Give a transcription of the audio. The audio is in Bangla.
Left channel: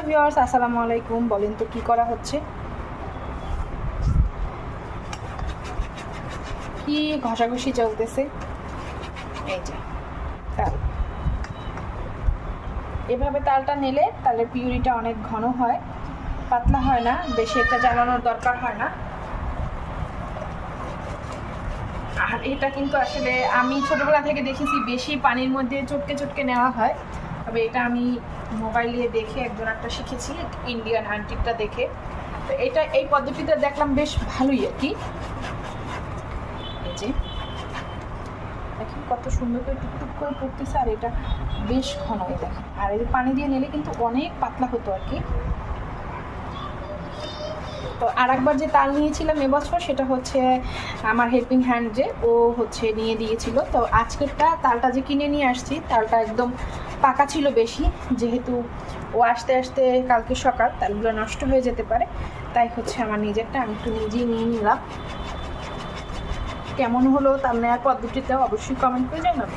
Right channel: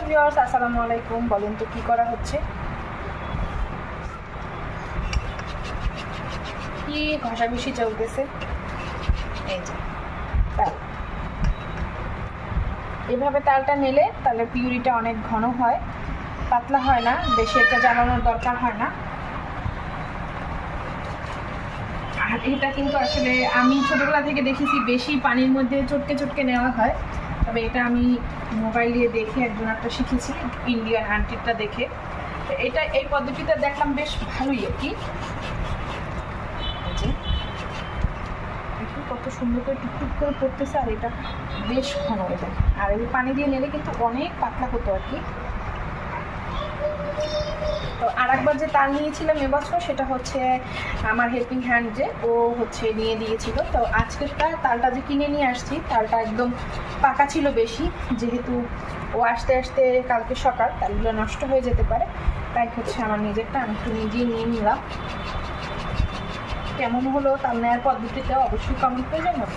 হ্যালো ভিউয়ার্স, আসসালামু আলাইকুম। বলেন তো কি করা হচ্ছে? কি ঘষাঘষি চলতেছে? এই যে, তাল। এভাবে তালটা নিলে তালের পিউরিটা অনেক ঘন হয়। পাতলা হয় না, বেশি একটা জ্বালানোর দরকার হয় না। আর এটা কিন্তু আসলে আমি ছোটবেলা থেকে দেখেছি, বেশি পানির মধ্যে চটকে চটকে নেওয়া হয়। তবে এটা আমি মোবাইল দেখে একজন একটা শিখেছি ইন্ডিয়ান হ্যান্ডটিপটা দেখে। তো এটা এই পদ্ধতিটা দেখলাম বেশ ভালোই আর কি। যে, দেখেন কত সুন্দর করে টুকটুক করে পড়তেছে আর এটা বেশ ঘন হয়ে আর এই পানি দিয়ে নিলে কিন্তু অনেক পাতলা হতো আর কি। তো আর একবার যে তাল নিয়েছিলাম এবছর সেটা হচ্ছে আমার হেল্পিং হ্যান্ড যে ও হচ্ছে নিয়ে দিয়েছিল। তো আজকেরটা তালটা যে কিনে নিয়ে আসছি, তালটা একদম পাকা ছিল বেশি। যেহেতু ও আসতে আসতে কালকে সকাল, তালগুলো নষ্ট হয়ে যেতে পারে। তাই হচ্ছে আমার নিজেরটা আমি একটু নিজেই নিয়ে নিলাম। কেমন হলো তার নেওয়ার পদ্ধতিটা অবশ্যই কমেন্ট করে জানাব।